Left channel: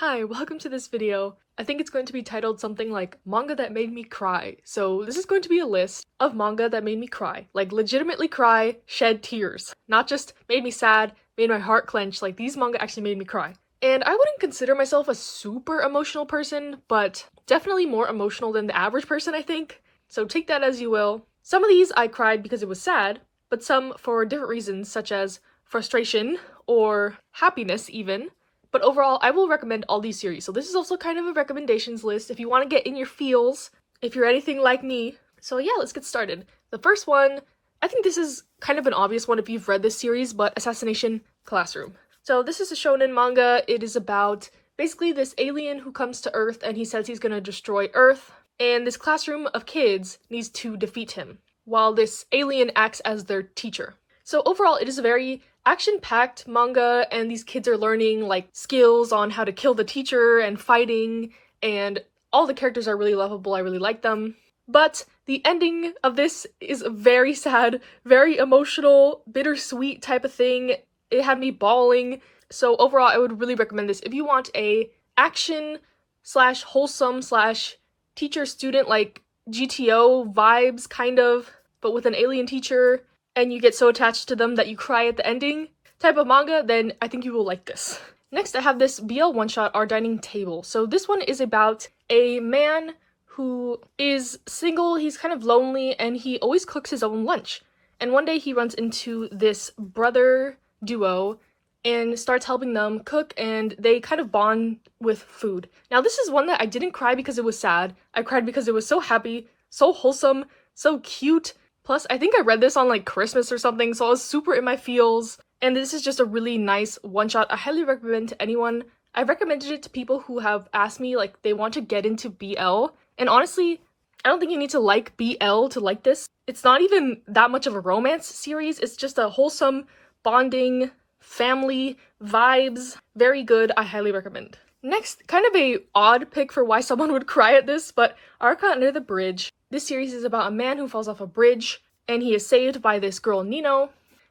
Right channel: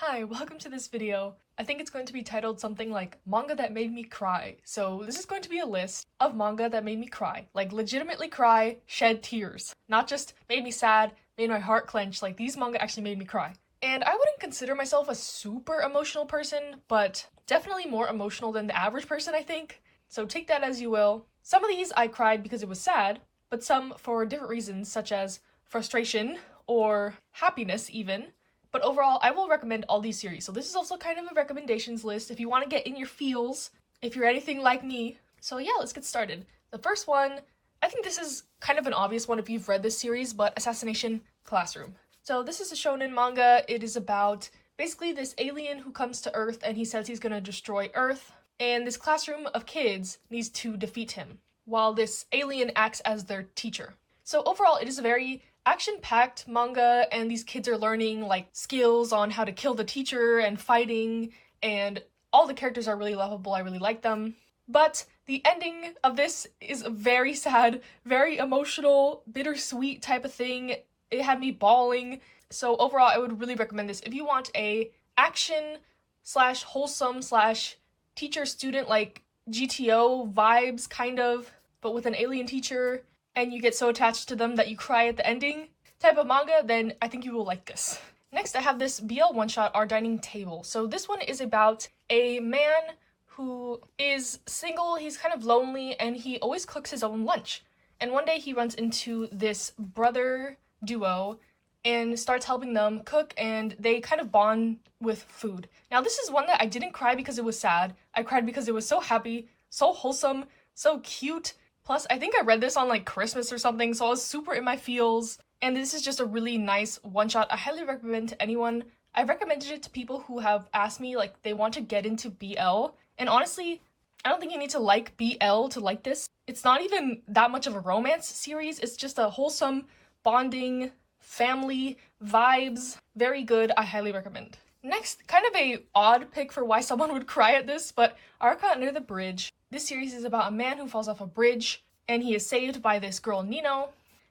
Hi, welcome to this video. I think it's going to be titled something like manga that made me cry. So this is going to be a list of manga that made me cry. Like legitimately cry, shed tears. Not just made me sad, made my heart clench, like these manga actually made me cry. And I wouldn't consider myself a super emotional person, but definitely more emotional than the average person, I think. So take that as you will. Some of these I cried because it was sad, but some for different reasons such as frustration or happiness even. But overall, I will recommend all these series. So this is also kind of a recommendations list if you want to get in your feels, if you're anything like me. So yeah, let's get started. The first one, I think this is kind of an obvious one if you've read this series, but Assassination Classroom. So this is a shonen manga. It is about basically this alien who comes to Earth and he says he's going to destroy Earth. And this classroom of kids needs to defeat him, while this alien acts as their teacher. So overall, it is a very action-packed manga, and these kids are learning like skills on how to kill the teacher and fighting, and all the characters are really lovable. I really like them. But the ending of this is very sad, very emotional, bittersweet type of thing. It had me bawling. So overall, I would really recommend this if you want a action slash wholesome slash teacher-student like GTO vibes kind of, but with an alien teacher, and you get so attached to them that you cry at the ending type of manga, then I think you will like this. Next, I have this BL one-shot, Our Dining Table. So this one is about a man who is single, he's kind of lonely, and he always cooks his own lunch. And one day he runs into this brother duo and starts helping them cook, and they kind of bond with food. Now this is one that I didn't cry because it was sad. I cried because it was so happy, so wholesome, so cute. Plus, I think I read this on like Christmas or something, so I was super in my feels. And this is just a really nice one-shot. I highly recommend to anyone. I've recommended it to people who have asked me like they want to get into BL. And honestly, I don't think you need to like BL to like this. It's not even that much of a romance series. It's just a wholesome, bonding, family vibes. Very good. I highly recommend. Next, kind of a odd pick for why someone would cry at this, but Arca Under the Bridge. This series is about a man who falls off a bridge, and he is saved by this girl Nino,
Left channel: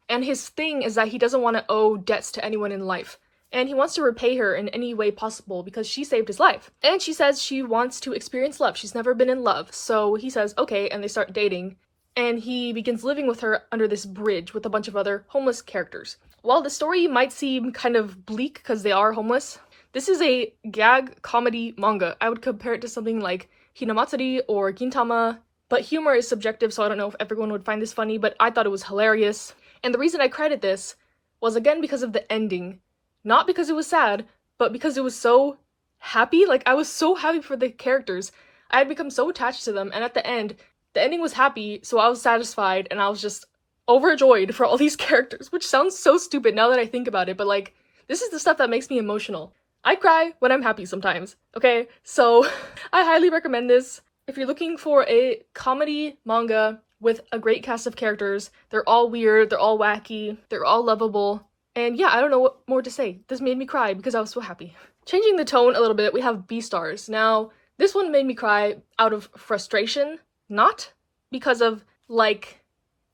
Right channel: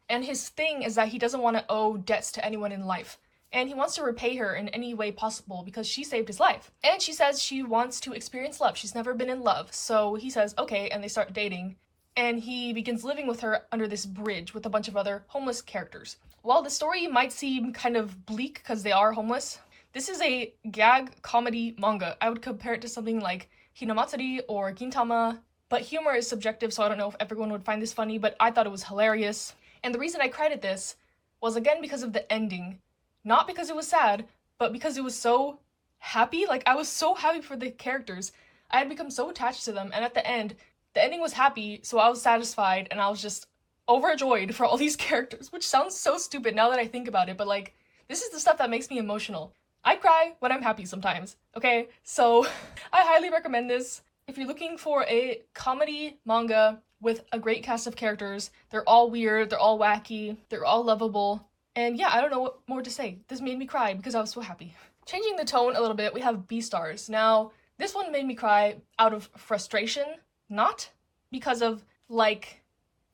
and his thing is that he doesn't want to owe debts to anyone in life, and he wants to repay her in any way possible because she saved his life. And she says she wants to experience love. She's never been in love, so he says okay, and they start dating, and he begins living with her under this bridge with a bunch of other homeless characters. While the story might seem kind of bleak because they are homeless, this is a gag comedy manga. I would compare it to something like Hinamatsuri or Gintama, but humor is subjective, so I don't know if everyone would find this funny, but I thought it was hilarious. And the reason I cried at this was again because of the ending. Not because it was sad, but because it was so happy. Like, I was so happy for the characters. I had become so attached to them, and at the end, the ending was happy, so I was satisfied, and I was just overjoyed for all these characters, which sounds so stupid now that I think about it, but like, this is the stuff that makes me emotional. I cry when I'm happy sometimes, okay? So I highly recommend this. If you're looking for a comedy manga with a great cast of characters, they're all weird, they're all wacky, they're all lovable, and yeah, I don't know what more to say. This made me cry because I was so happy. Changing the tone a little bit, we have Beastars. Now, this one made me cry out of frustration, not because of like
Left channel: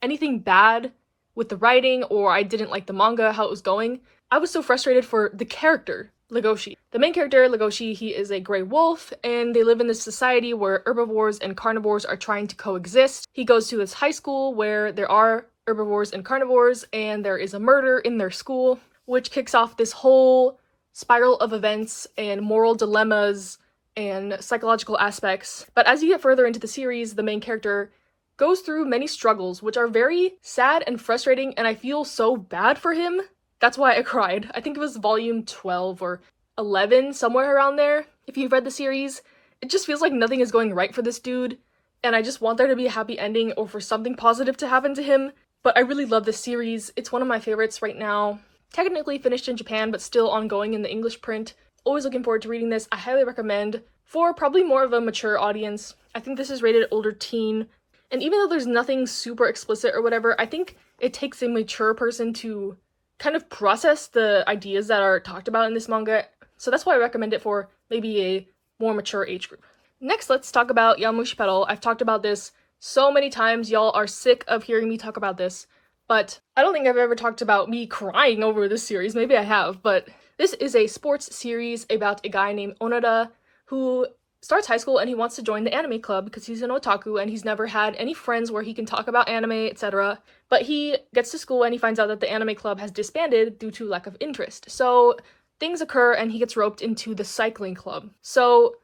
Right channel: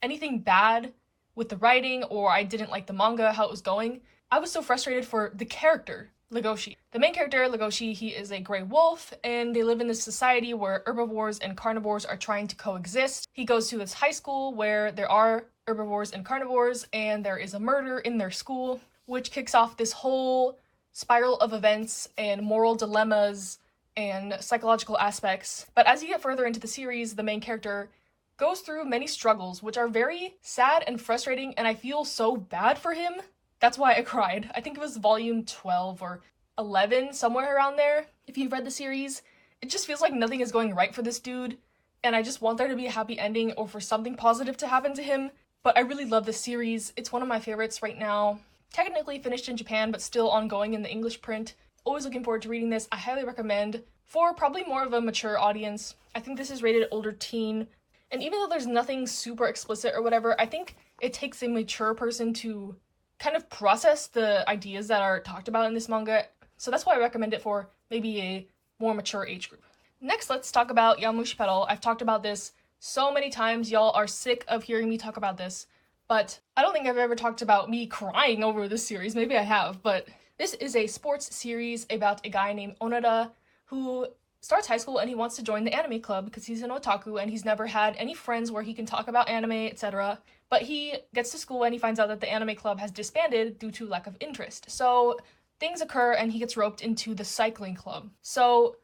anything bad with the writing or I didn't like the manga, how it was going. I was so frustrated for the character, Legoshi. The main character, Legoshi, he is a gray wolf, and they live in this society where herbivores and carnivores are trying to coexist. He goes to this high school where there are herbivores and carnivores, and there is a murder in their school, which kicks off this whole spiral of events and moral dilemmas and psychological aspects. But as you get further into the series, the main character goes through many struggles, which are very sad and frustrating, and I feel so bad for him. That's why I cried. I think it was volume 12 or 11, somewhere around there. If you've read the series, it just feels like nothing is going right for this dude, and I just want there to be a happy ending or for something positive to happen to him. But I really love this series. It's one of my favorites right now. Technically finished in Japan, but still ongoing in the English print. Always looking forward to reading this. I highly recommend for probably more of a mature audience. I think this is rated older teen, and even though there's nothing super explicit or whatever, I think it takes a mature person to kind of process the ideas that are talked about in this manga, so that's why I recommend it for maybe a more mature age group. Next, let's talk about Yowamushi Pedal. I've talked about this so many times, y'all are sick of hearing me talk about this, but I don't think I've ever talked about me crying over this series. Maybe I have, but This is a sports series about a guy named Onoda who starts high school and he wants to join the anime club because he's an otaku and he's never had any friends where he can talk about anime, etc. But he gets to school and he finds out that the anime club has disbanded due to lack of interest. So things occur and he gets roped into the cycling club. So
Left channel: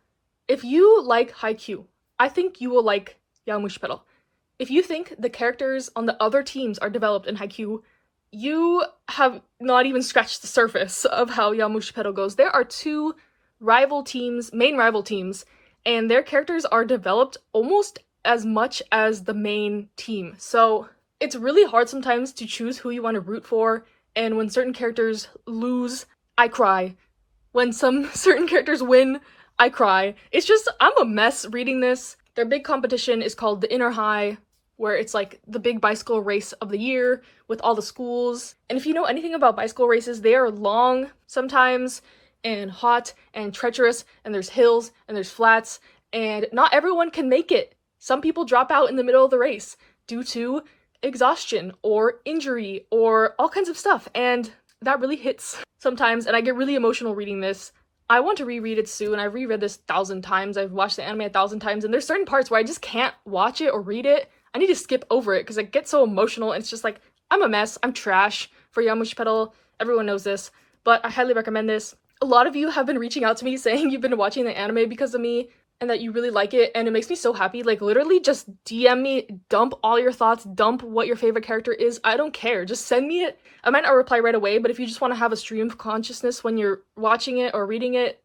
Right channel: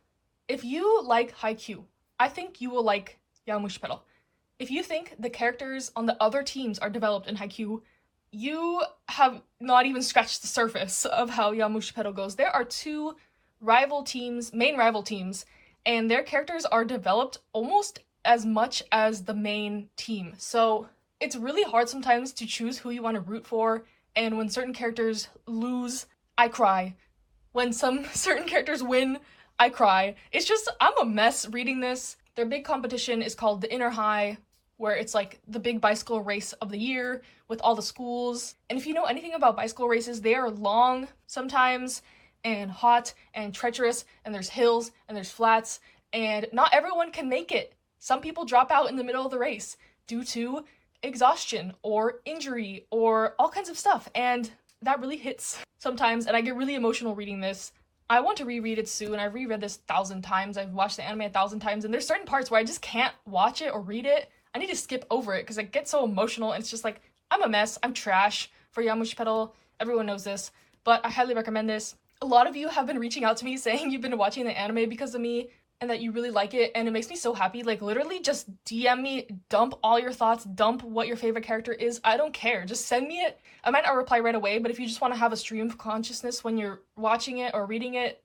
if you like Haikyuu, I think you will like Yowamushi Pedal. If you think the characters on the other teams are developed in Haikyuu, you have not even scratched the surface of how Yowamushi Pedal goes. There are two main rival teams, and their characters are developed almost as much as the main team. So it's really hard sometimes to choose who you want to root for, and when certain characters lose, I cry. When some certain characters win, I cry. It's just, I'm a mess reading this. Their big competition is called the Inner High, where it's like the big bicycle race of the year with all the schools. And if you know anything about bicycle races, they are long sometimes and hot and treacherous, and there's hills and there's flats, and not everyone can make it. Some people drop out in the middle of the race due to exhaustion or injury or all kinds of stuff, and that really hits sometimes, and I get really emotional reading this. I want to reread it soon. I've reread this 1,000 times. I've watched the anime 1,000 times, and there's certain parts where I just can't watch it or read it. I need to skip over it because I get so emotional, and it's just like, I'm a mess. I'm trash for Yowamushi Pedal. Everyone knows this, but I highly recommend this. A lot of you have been reaching out to me saying you've been watching the anime because of me and that you really like it, and it makes me so happy. Like, literally just DM me, dump all your thoughts, dump what your favorite character is. I don't care. Just send me it. I might not reply right away, but if you just want to have a stream of consciousness when you're watching it or reading it,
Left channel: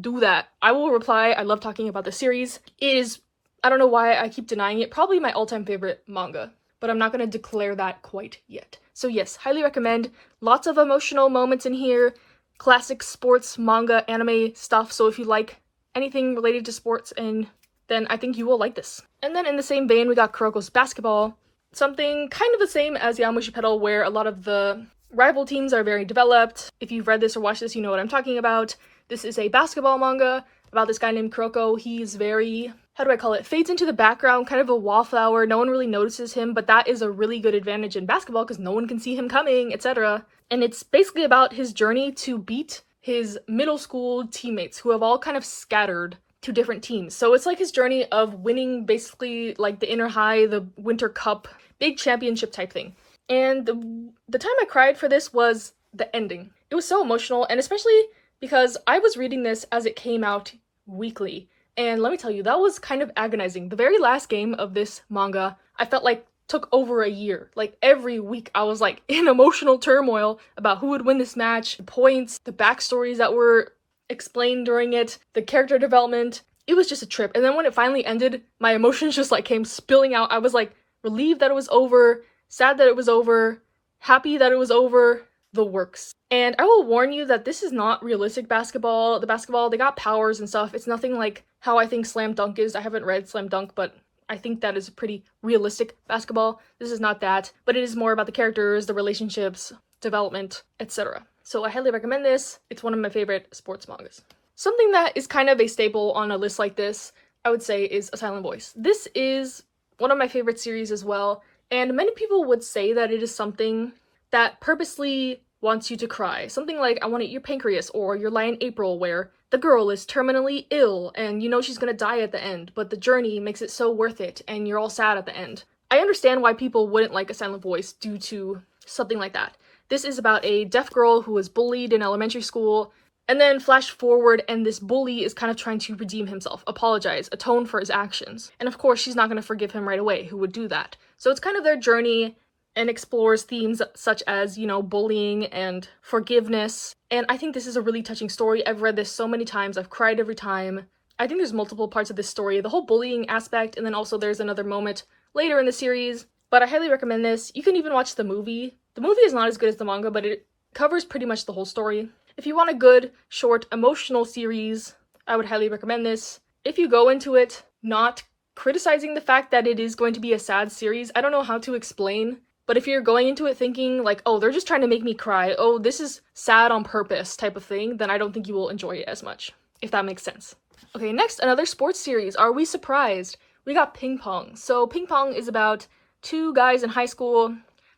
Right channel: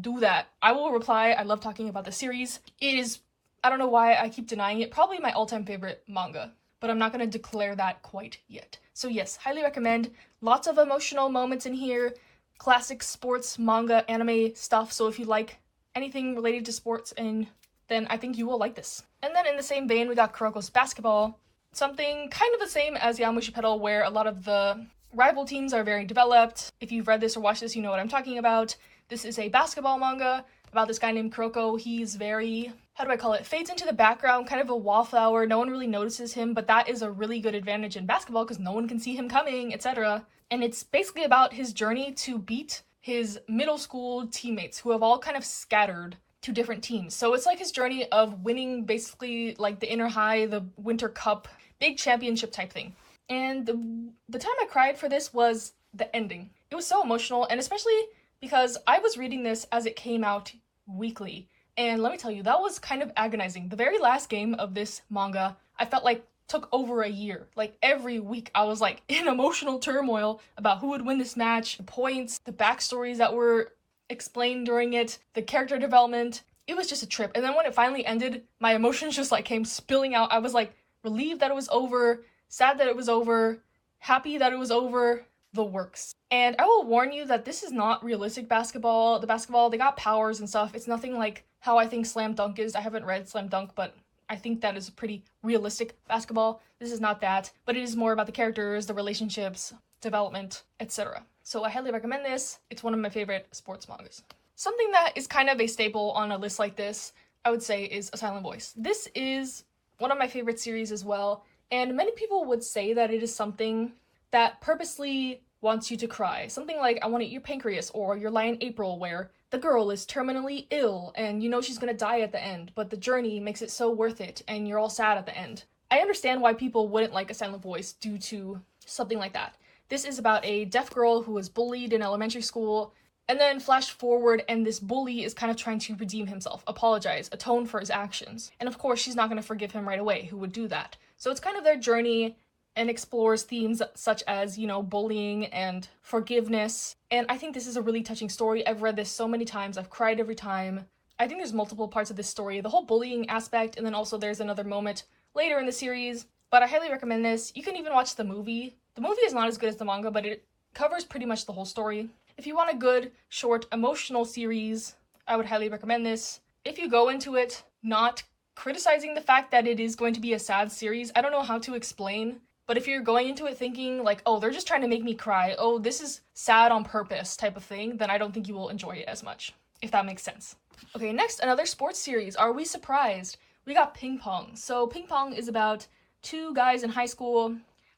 do that. I will reply. I love talking about the series. It is, I don't know why I keep denying it, probably my all-time favorite manga, but I'm not going to declare that quite yet. So yes, highly recommend. Lots of emotional moments in here. Classic sports, manga, anime stuff, so if you like anything related to sports, and then I think you will like this. And then in the same vein, we got Kuroko's Basketball. Something kind of the same as Yowamushi Pedal, where a lot of the rival teams are very developed. If you've read this or watched this, you know what I'm talking about. This is a basketball manga about this guy named Kuroko. He's very, how do I call it, fades into the background, kind of a wallflower. No one really notices him, but that is a really good advantage in basketball because no one can see him coming, etc. And it's basically about his journey to beat his middle school teammates who have all kind of scattered to different teams. So it's like his journey of winning basically like the Inner High, the Winter Cup, big championship type thing. And the time I cried for this was the ending. It was so emotional, and especially because I was reading this as it came out weekly. And let me tell you, that was kind of agonizing. The very last game of this manga, I felt like took over a year. Like every week I was like in emotional turmoil about who would win this match, the points, the backstories that were explained during it, the character development. It was just a trip. And then when it finally ended, my emotions just like came spilling out. I was like relieved that it was over, sad that it was over, happy that it was over, the works. And I will warn you that this is not realistic basketball. The basketball, they got powers and stuff. It's nothing like how I think Slam Dunk is. I haven't read Slam Dunk, but I think that is a pretty realistic basketball. This is not that, but it is more about the characters, the relationships, development, etc. So I highly recommend this. It's one of my favorite sports mangas. Something that is kind of a staple on a list like this, I would say, is A Silent Voice. This is one of my favorite series as well, and many people would say that it is something that purposely wants you to cry. Something like I Want to Eat Your Pancreas or Your Lie in April, where the girl is terminally ill and you know she's gonna die at the end, but the journey makes it so worth it and you're all sad at the end. I understand why people wouldn't like A Silent Voice due to something like that. This is about a deaf girl who was bullied in elementary school, and then flash forward and this bully is kind of trying to redeem himself, apologize, atone for his actions. And of course she's not gonna forgive him right away. Who would do that? So it's kind of their journey and explores themes such as, you know, bullying and forgiveness. And I think this is a really touching story. I've read this so many times. I've cried every time. I think there's multiple parts of this story. The whole bullying aspect, and then also there's another moment later in the series. But I highly recommend this. You can even watch the movie. The movie is not as good as the manga, but it covers pretty much the whole story. If you want a good, short, emotional series, I would highly recommend this. If you go into it not criticizing the fact that it is going to be a sad series, I don't know how to explain. But if you're going into it thinking like, oh, they're just trying to make me cry, oh, this is sad on purpose type of thing, then I don't think you will enjoy it as much, if that makes sense. Okay, next, another sports series. Are we surprised? We got Ping Pong. So Ping Pong is about two guys in high school.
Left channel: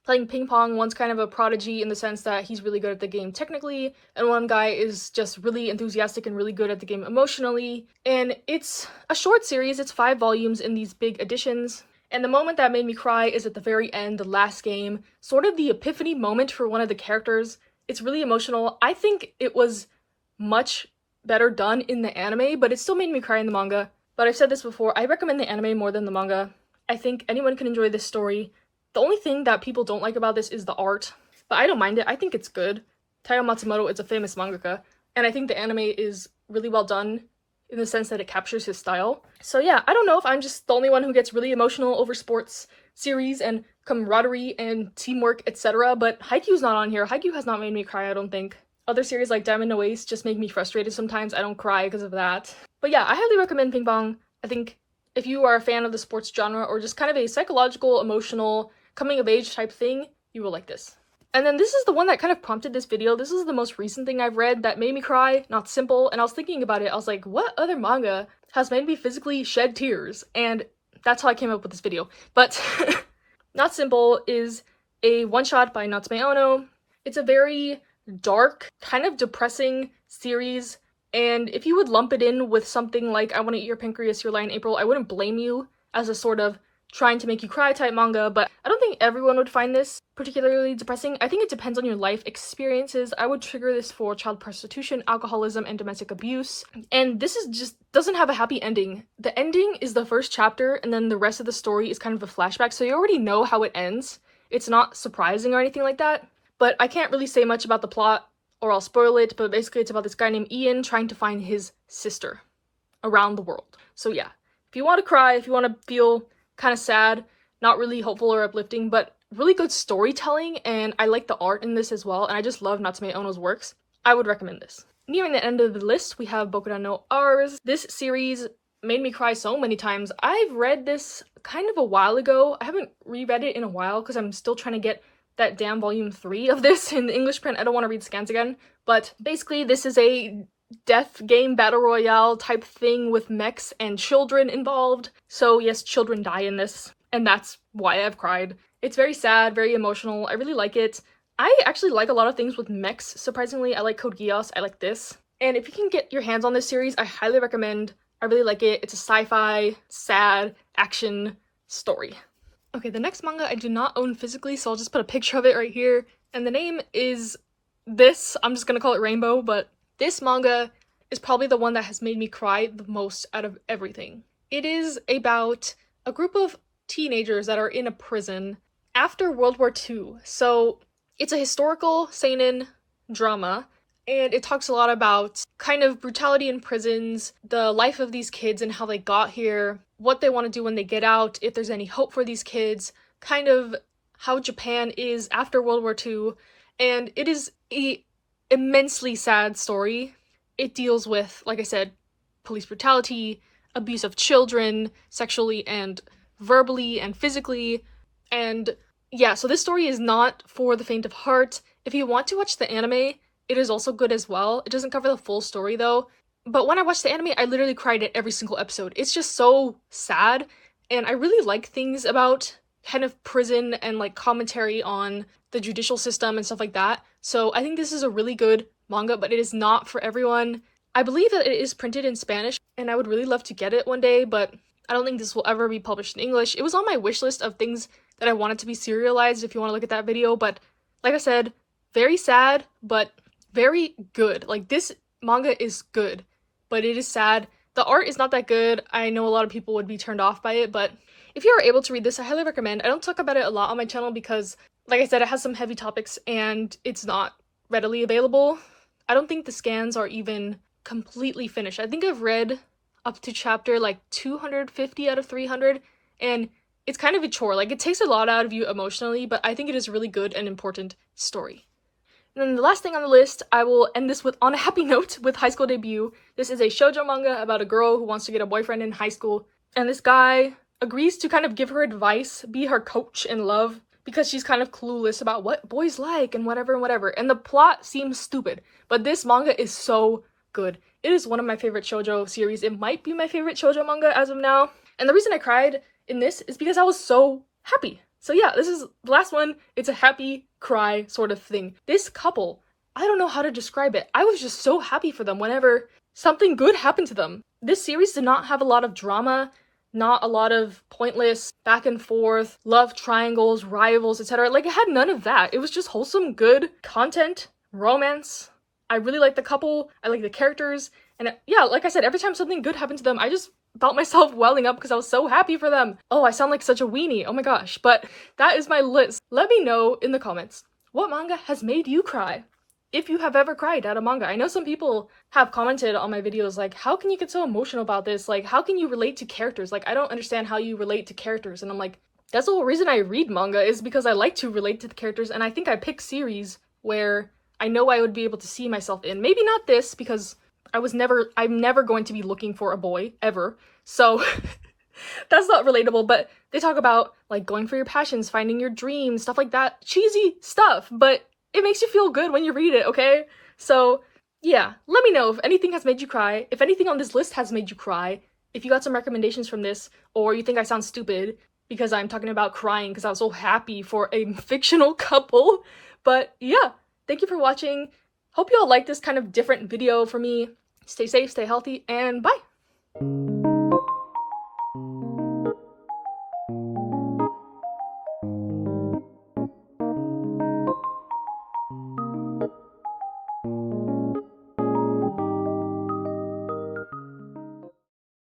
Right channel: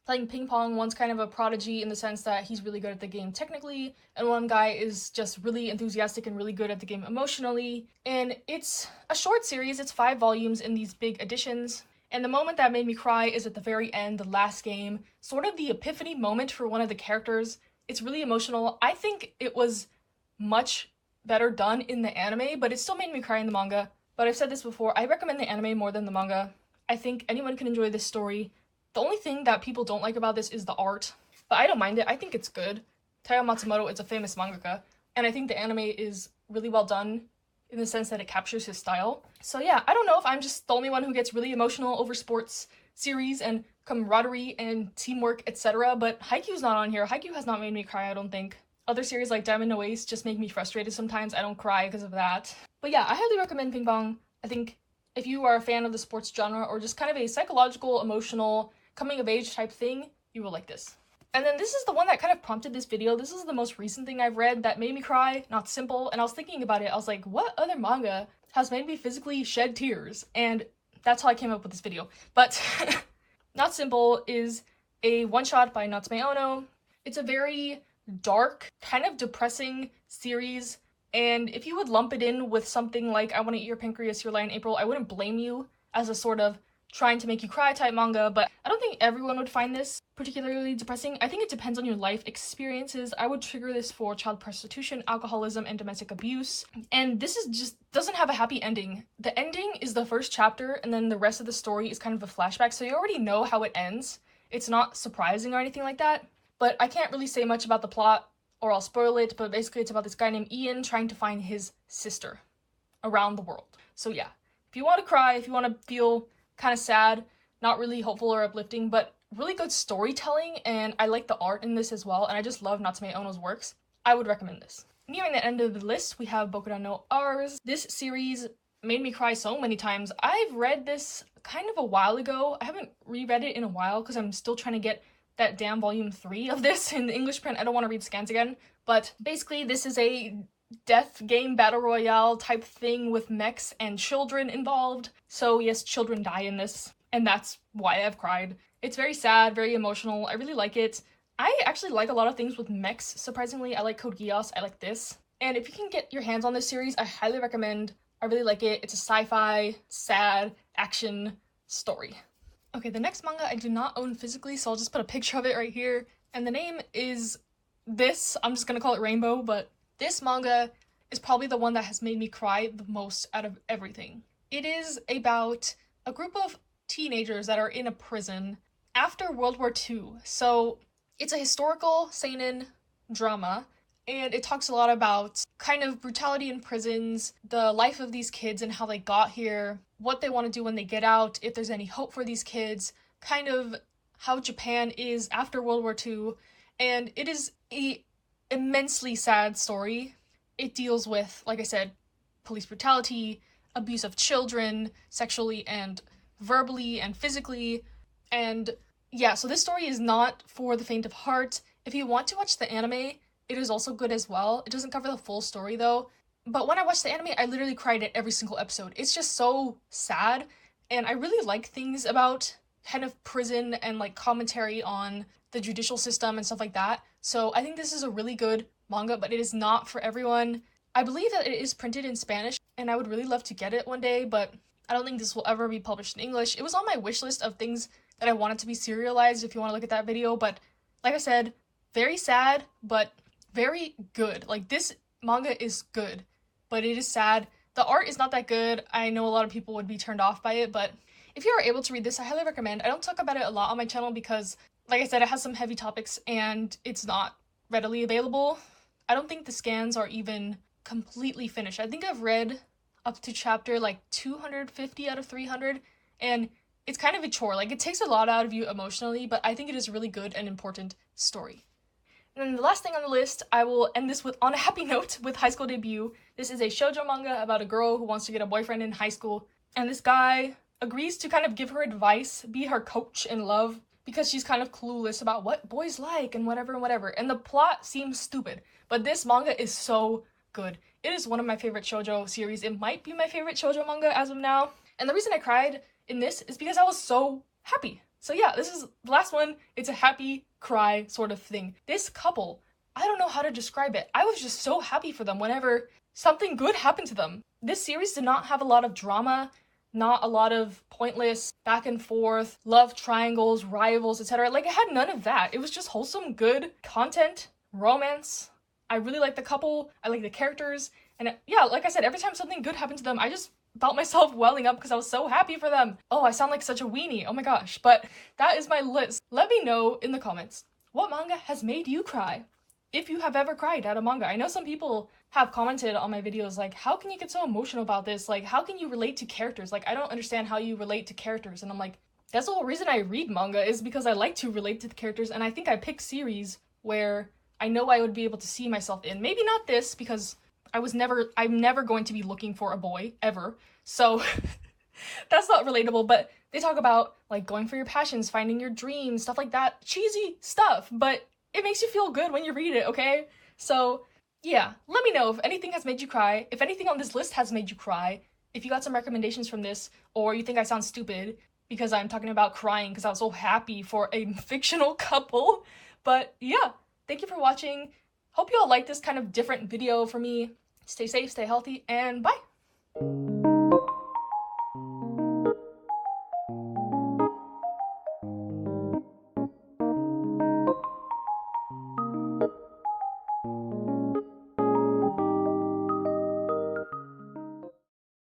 playing ping pong. One's kind of a prodigy in the sense that he's really good at the game technically, and one guy is just really enthusiastic and really good at the game emotionally. And it's a short series, it's 5 volumes in these big editions. And the moment that made me cry is at the very end, the last game, sort of the epiphany moment for one of the characters. It's really emotional. I think it was much better done in the anime, but it still made me cry in the manga. But I've said this before, I recommend the anime more than the manga. I think anyone can enjoy this story. The only thing that people don't like about this is the art, but I don't mind it. I think it's good. Taiyo Matsumoto is a famous mangaka, and I think the anime is really well done in the sense that it captures his style. So yeah, I don't know if I'm just the only one who gets really emotional over sports series and camaraderie and teamwork, etc., but Haikyuu's not on here. Haikyuu has not made me cry, I don't think. Other series like Diamond No Ace just make me frustrated sometimes. I don't cry because of that. But yeah, I highly recommend Ping Pong. I think if you are a fan of the sports genre or just kind of a psychological, emotional, coming of age type thing, you will like this. And then this is the one that kind of prompted this video. This is the most recent thing I've read that made me cry, Not Simple, and I was thinking about it. I was like, what other manga has made me physically shed tears? And that's how I came up with this video. But Not Simple is a one-shot by Natsume Ono. It's a very dark, kind of depressing series, and if you would lump it in with something like I Want to Eat Your Pancreas, Your Lie in April, I wouldn't blame you as a sort of trying to make you cry type manga, but I don't think everyone would find this particularly depressing. I think it depends on your life experiences. I would trigger this for child prostitution, alcoholism, and domestic abuse. And this is just doesn't have a happy ending. The ending is the first chapter, and then the rest of the story is kind of a flashback, so you already know how it ends. It's not surprising or anything like that, but I can't really say much about the plot or I'll spoil it, but basically it's about this guy named Ian trying to find his sister around the world. So yeah, if you want to cry, if you want to feel kind of sad, not really hopeful or uplifting, but really good storytelling, and I like the art in this as well, and I just love Natsume Ono's works, I would recommend this. Nearing the end of the list, we have Bokuran no Rs. This series made me cry so many times. I've read this kind of a while ago. I haven't reread it in a while because I'm still trying to get that damn volume 3 of this in the English print. I don't want to read scans again, but basically this is a death game battle royale type thing with mechs and children involved. So yes, children die in this, and that's why I've cried. It's very sad, very emotional. I really like it. I actually like a lot of things with mechs. Surprisingly, I like Code Geass. I like this. And if you can get your hands on this series, I highly recommend. I really like it. It's a sci-fi, sad, action story. Okay, the next manga I do not own physically, so I'll just put a picture of it right here. And the name is this. I'm just gonna call it Rainbow, but this manga is probably the one that has made me cry the most out of everything. It is about a group of teenagers that are in a prison after World War II. So it's a historical seinen drama, and it talks a lot about kind of brutality in prisons, the life of these kids and how they got here, what they want to do when they get out, if there's any hope for these kids, kind of how Japan is after World War II, and it is a immensely sad story. It deals with, like I said, police brutality, abuse of children, sexually and verbally and physically, and yeah, so this story is not for the faint of heart. If you want to watch the anime, it is also good as well. It doesn't cover the full story though, but when I watched the anime, I literally cried at every single episode. It's just so sad, and I really like things about kind of prison and like commentary on the judicial system and stuff like that. So I think this is a really good manga, but it is not for everyone. I believe that it is printed in Spanish, and I would really love to get it one day, but I don't think this will ever be published in English. It was on my wish list of things that I wanted to be serialized if you want to look at that video, but like I said, very sad, but very good. Like, this manga is good, but it is sad. The art is not that good. I know a lot of people would be turned off by it, but if you are able to read this, I highly recommend. I don't talk about it a lot on my channel because, like I said, it has some heavy topics and it's not readily available. I don't think the scans are even completely finished. I think I've read up to chapter like 250 out of 300, and it's kind of a chore. Like, it takes a lot out of you emotionally, but I think it is a really good and important story. And then the last thing on the list, I will end this with on a happy note with High School Debut. This is a shoujo manga about a girl who wants to get a boyfriend in high school, and this guy agrees to kind of give her advice, be her coach in love, because she's kind of clueless about what boys like and whatever and whatever. And the plot seems stupid, but this manga is so good. It is one of my favorite shoujo series. It might be my favorite shoujo manga as of now. And the reason I cried in this is because I was so happy. So yeah, this is the last one. It's a happy cry sort of thing. This couple, I don't know how to describe it. I was just so happy for them whenever something good happened to them. This series did not have a lot of drama, not a lot of pointless back and forth, love triangles, rivals, etc. Like, it had none of that. It was just wholesome, good content, romance. I really like the couple, I like the characters, and yeah, like I said, every time something good happened to them, I just felt myself welling up because I was so happy for them. Oh, I sound like such a weenie, oh my gosh. But that is my list. Let me know in the comments, what manga has made you cry? If you have ever cried at a manga. I know some people have commented on my videos like, how can you get so emotional about this? Like, how can you relate to characters? Like, I don't understand how you relate to characters. And I'm like, that's the whole reason I read manga, is because I like to relate to the characters, and I think I pick series where I know I would be able to see myself in. Maybe not this, because I'm never going to be looking for a boy, ever. So that's not relatable, but they talk about like going for your passions, finding your dreams, stuff like that. Cheesy stuff, but it makes you feel good when you read it, okay? So yeah, let me know if anything has made you cry, if anything on this list has made you cry, if you got some recommendations from this, or you think I sound stupid because I'm talking about crying because I was so happy for a fictional couple. But yeah, thank you for watching. Hope you all like this kind of different video for me. Stay safe, stay healthy, and bye!